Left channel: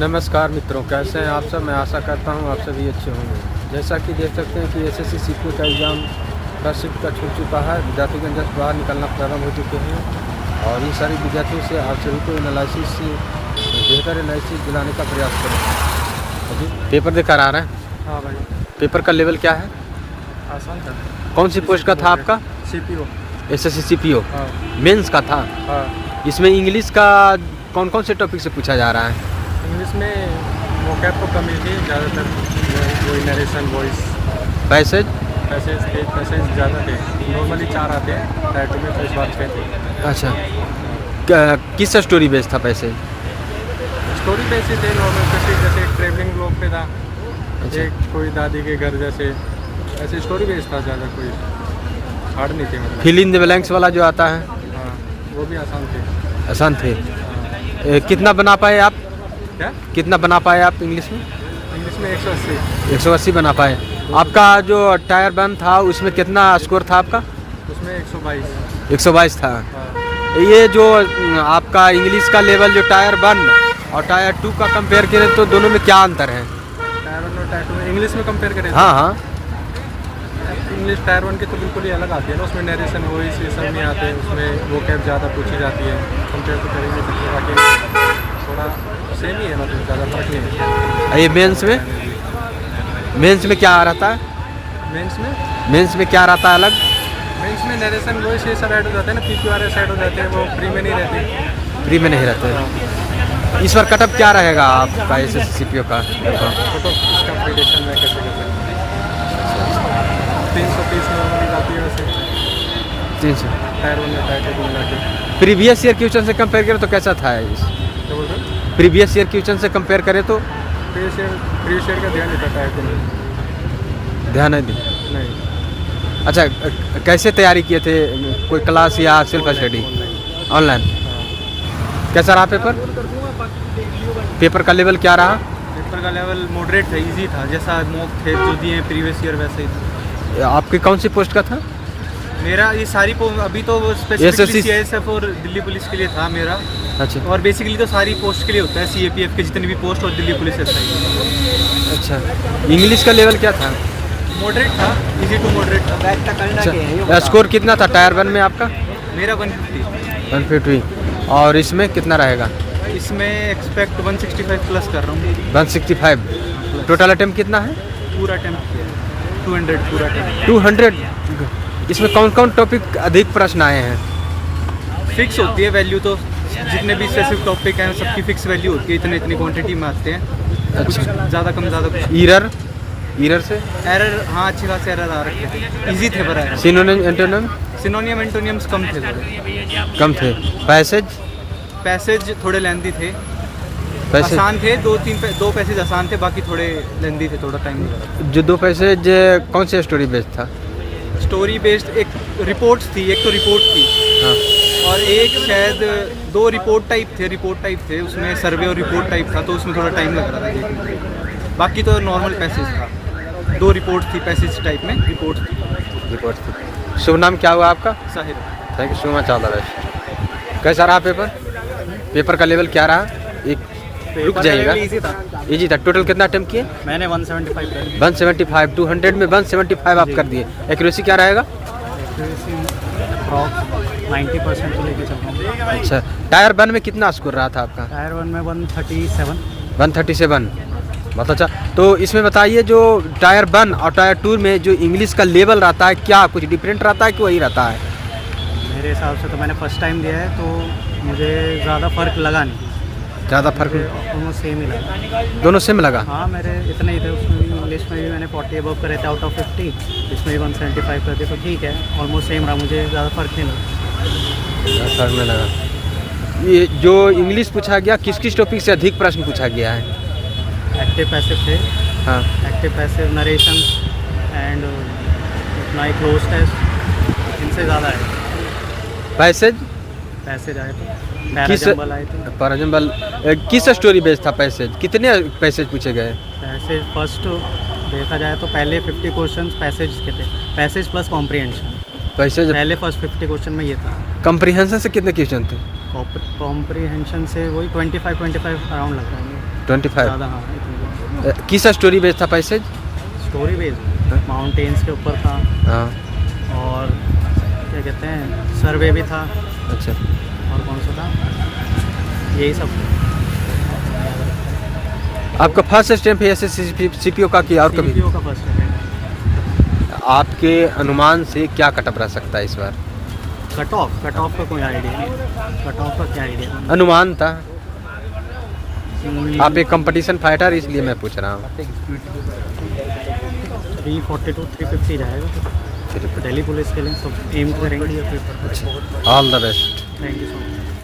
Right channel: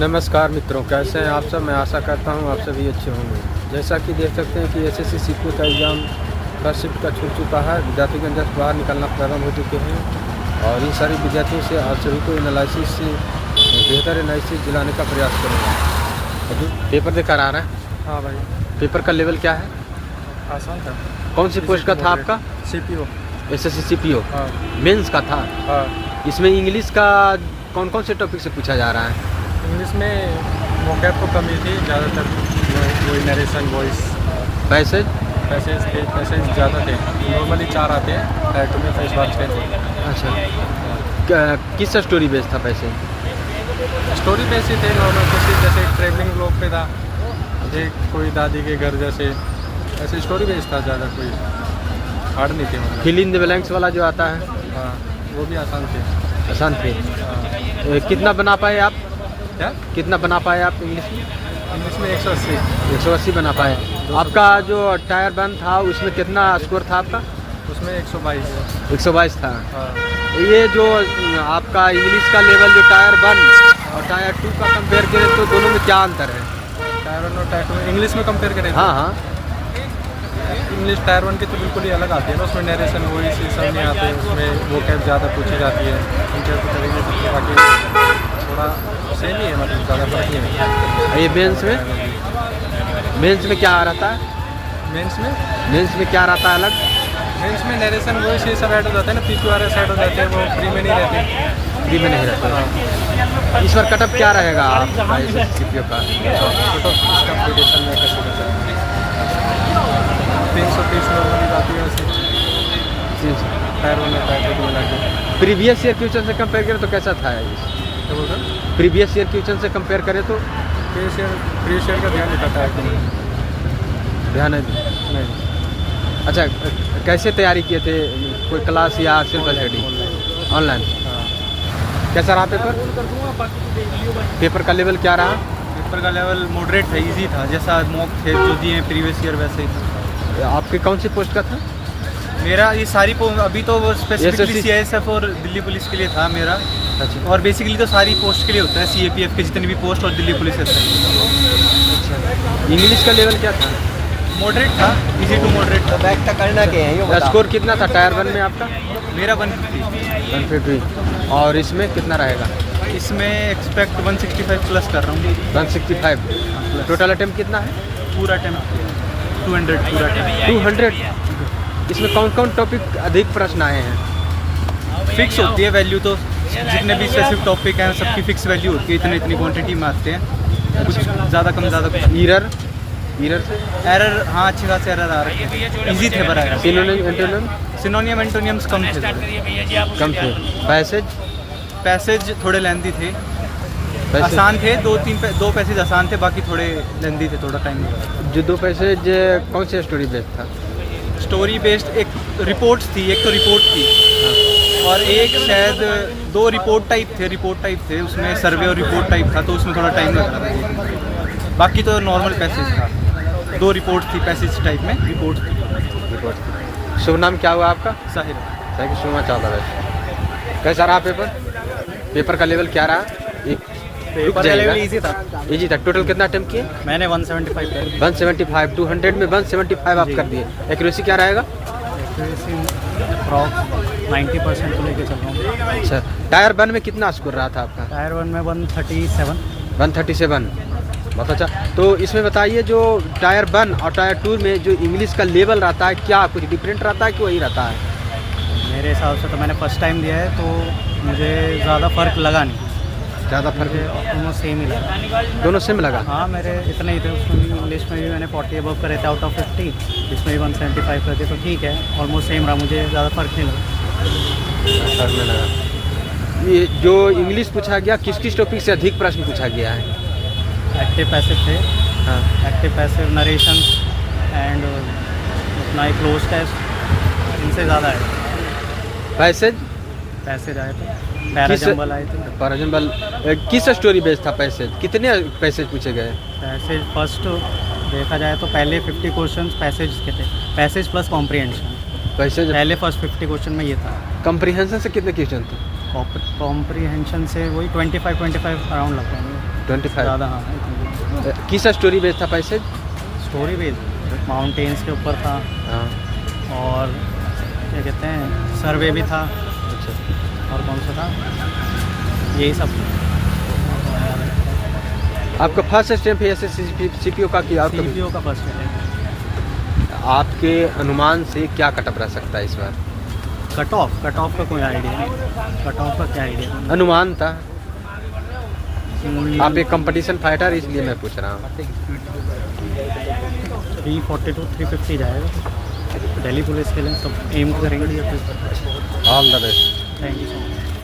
नमस्कार मित्रों, कैसे हैं आप सब। मैं आशा करता हूं आप सभी अच्छे होंगे। जैसा कि देख सकते हैं कि एसएससी सीपीओ का एग्ज़ाम फर्स्ट शिफ्ट का छूट चुका है। विद्यार्थीगण जस्ट बाहर निकलना प्रारंभ हो चुके हैं और इन सारी विद्यार्थियों से आप सभी को एनालिसिस से बेहतर एनालिसिस दिलाने का प्रयास करूँगा। अभी पेपर देकर आ रहे हैं। हाँ भाई, पेपर का लेवल क्या है? आसान था। कौन सी पोस्ट का था आपका? सीपीओ। एसएससी सीपीओ हाँ मेंस का था। हाँ। इसमें इंग्लिश का कौन कौन से टॉपिक से पूछा जा रहा है? इंग्लिश में वोकैब तो कमी थी ज़्यादातर, वही नरेशन, वॉइस, पैसेज पैसेज ज़्यादा थे। नॉर्मली 4 आते हैं, टाइप में तो इस बार 6 थे। अच्छा, किस स्टोरी बेस्ड था पैसे? स्टोरी बेस ही थे नॉर्मल, जैसे ट्रेवलिंग ब्लॉग पे था, एक कोई दादी के घर जैसे, ऐसे स्टोरी बेस था। ज़्यादा कोई हार्ड नहीं थे मतलब। फिल इन द ब्लैंक्स वाला जो आता है, हाँ वो भी आसान थे। आसान थे। हाँ। कितना बना पाए आप? क्या? कितना बना पाए आप इंग्लिश में? इंग्लिश में 180। 180 बना पाए। हाँ, आपका जो टायर 1 था उसमें कितना स्कोर था आपका? उसमें 122। 122 था। हाँ। ये जो आपका इंग्लिश का लेवल जो टायर 1 और टायर 2 का कंपेयर करें तो दोनों में क्या अंतर है? टायर 1 और टायर 2 में इंग्लिश में कंपेयर करें? हाँ हाँ। इंग्लिश टायर 1 की तो बिल्कुल ही अलग आती है ना, उसमें नरेशन वॉइस ये सब नहीं आते, उसमें वो कैब ज़्यादा पूछी जाती है। कंपेयर तो कर ही नहीं सकते, बाकी थोड़ा सेम ही है, मतलब ज़्यादा फर्क नहीं है। ये मेंस में क्या रहता है? मेंस में क्या रहता है अलग? मेंस में नरेशन वॉइस ये सब ऐड हो जाते हैं ना, PQRS ऐड हो जाते हैं, वो फ्री में नहीं रहते। फ्री में नहीं रहते। हाँ। इस बार कटअप क्या रहेगा आपका एसएससी सीपीओ का? फोटो इसका प्रिडिक्शन मैं कैसे कर सकता हूँ? 330 नॉर्मली जाती है वैसे, 300। टायर 1 और टायर 2 को मिला के। प्रीवियस ईयर क्वेश्चन से कंपेयर करें तो कैसा था? क्या बोल रहे हो? प्रीवियस ईयर क्वेश्चन से कंपेयर करें तो प्रीवियस ईयर का ध्यान नहीं था टायर 2 में। ध्यान नहीं दिया। नहीं। अच्छा, कैसे तैयारी किए थे? कोई क्लास या सेल्फ स्टडी? ऑनलाइन। हाँ। कैसा रहा पेपर? पेपर का लेवल क्या रहा? पेपर का लेवल मॉडरेट था, इजी था, जैसा मॉक थे जो दिए हैं प्रीवियस ईयर वैसे ही था। आपके कौन सी पोस्ट का था? मेरा ये सारी अभी तो स्पेसिफिकली SSC CISF और दिल्ली पुलिस के लिए था मेरा। अच्छा। और बेसिकली तो सारी पोस्ट के लिए होता है, CAPF के जितने भी पोस्ट और दिल्ली पुलिस ऐसा ही। अच्छा, इंग्लिश का लेवल क्या था? मॉडरेट था, इजी टू मॉडरेट था। अच्छा, स्कोर कितना था टायर 1 में आपका? मेरा 150। 150। और इसमें कितना रहेगा? इसमें एक्सपेक्ट 165 प्लस कर रहा हूँ। 165। टोटल अटेम्प्ट कितना है? पूरा अटेम्प्ट किया है 200 पूरा अटेम्प्ट। 200। इसमें कौन कौन टॉपिक अधिक प्रश्न आए हैं? फिक्स होती है वैल्यू, तो जितने भी स्पेसिफिक टॉपिक हैं सबकी फिक्स वैल्यू होती है, इतनी क्वांटिटी में आते हैं। कुछ ज़्यादा कम ज़्यादा कुछ। एरर से एरर, हाँ अच्छे खासे एरर आ रखे थे, इजी थे पर सिनोनिम एंटोनिम सिनोनियम एंटोनियम्स कम थे, थोड़े कम थे। पैसेज थोड़े लेंदी थे। आसान थे, 2 पैसेज आसान थे, बाकी थोड़े लेंदी थे, थोड़ा टाइम लगा। जो 2 पैसेज कौन से स्टोरी बेस्ड था? स्टोरी बेस्ड एक रिपोर्ट थी, एक तो रिपोर्ट थी। हाँ। और एक शायद 2 रिपोर्ट टाइप थे, उसमें सर्वे और रिपोर्ट टाइप था, तो उसमें थोड़ा टाइम लग रहा था देखने में। बाकी तो नॉर्मल पैसेज था। 2 रिपोर्ट थी पैसेज टाइप में, रिपोर्ट थी। शुभ नाम क्या हुआ आपका? Sahir. Thank you so much all the best. कैसा रहा पेपर का लेवल क्या रहा? पेपर का लेवल इजी था। इजी था। टोटल कितना अटेम्प्ट किए? मैंने 175 कर 175। 200 में 175 आप कर दिए। एक्यूरेसी क्या रहेगा? अप्रॉक्स 90% को लेके चल रहा हूँ। अच्छा, टायर 1 में कितना स्कोर रहा था आपका? टायर 1 में 137। 137। बहुत अच्छा। तो इसमें बताइए, जो टायर 1 और टायर 2 में जो इंग्लिश का लेवल रहता है, क्या कुछ डिफरेंट रहता है कि वही रहता है? मेरे हिसाब से तो मैंने फर्स्ट टाइम दिया है, तो मुझे ज़्यादा फ़र्क लगा नहीं। ज़्यादा फर्क? ऑलमोस्ट सेम ही लगा। दोनों सेम लगा? हाँ, मेरे इतने ही थे। उसमें इंग्लिश में भी मैंने 40 अबव करे थे आउट ऑफ 50, इसमें भी 175 कर दिए, तो ठीक है, ऑलमोस्ट सेम रहा, मुझे ज़्यादा फ़र्क नहीं लगा। फर्क में लगा। ये जो इंग्लिश पूछा गया, किस किस टॉपिक से अधिक प्रश्न पूछा गया है? एक्टिव पैसिव थे। हाँ। एक्टिव पैसिव, नरेशन एंड अपना एक क्लोज टेस्ट, इनसे ज़्यादा है। पैसेज आए थे, पैराजम्बल आए थे। पैराजम्बल किस स्टोरी बेस्ड था? कितने पैसेज पूछे गए? पैसेज फर्स्ट देखा जाए तो पहले 50 क्वेश्चंस पैसेज के थे, पैसेज प्लस कॉम्प्रिहेंशन। पैसेज पहले फर्स्ट 50 क्वेश्चन में ये था। कॉम्प्रिहेंशन से कितने क्वेश्चन थे? कॉम्प्रिहेंशन से वही 25 अराउंड लगता है मुझे। 25 ज़्यादा, हाँ इतनी। किस स्टोरी बेस्ड था पैसेज? स्टोरी बेस्ड माउंटेन्स के ऊपर था, हाँ और क्या कहते हैं सर्वे भी था, अच्छा। और कौन सा था, यही सब। आपका फर्स्ट स्टेप है एसएससी सीपीओ का कि और कभी? सीपीओ का फर्स्ट है। आपके अनुमान से क्या कटअप रह सकता है इस बार? कट ऑफ का कोई आइडिया नहीं, कट ऑफ का क्या आइडिया? अनुमान था, आप एक कंपटीशन फाइटर इसलिए मैं पूछ रहा हूँ। 340 to 350 जाएगा। दिल्ली पुलिस के लिए सब एम करेंगे। All the best. Thank you so much.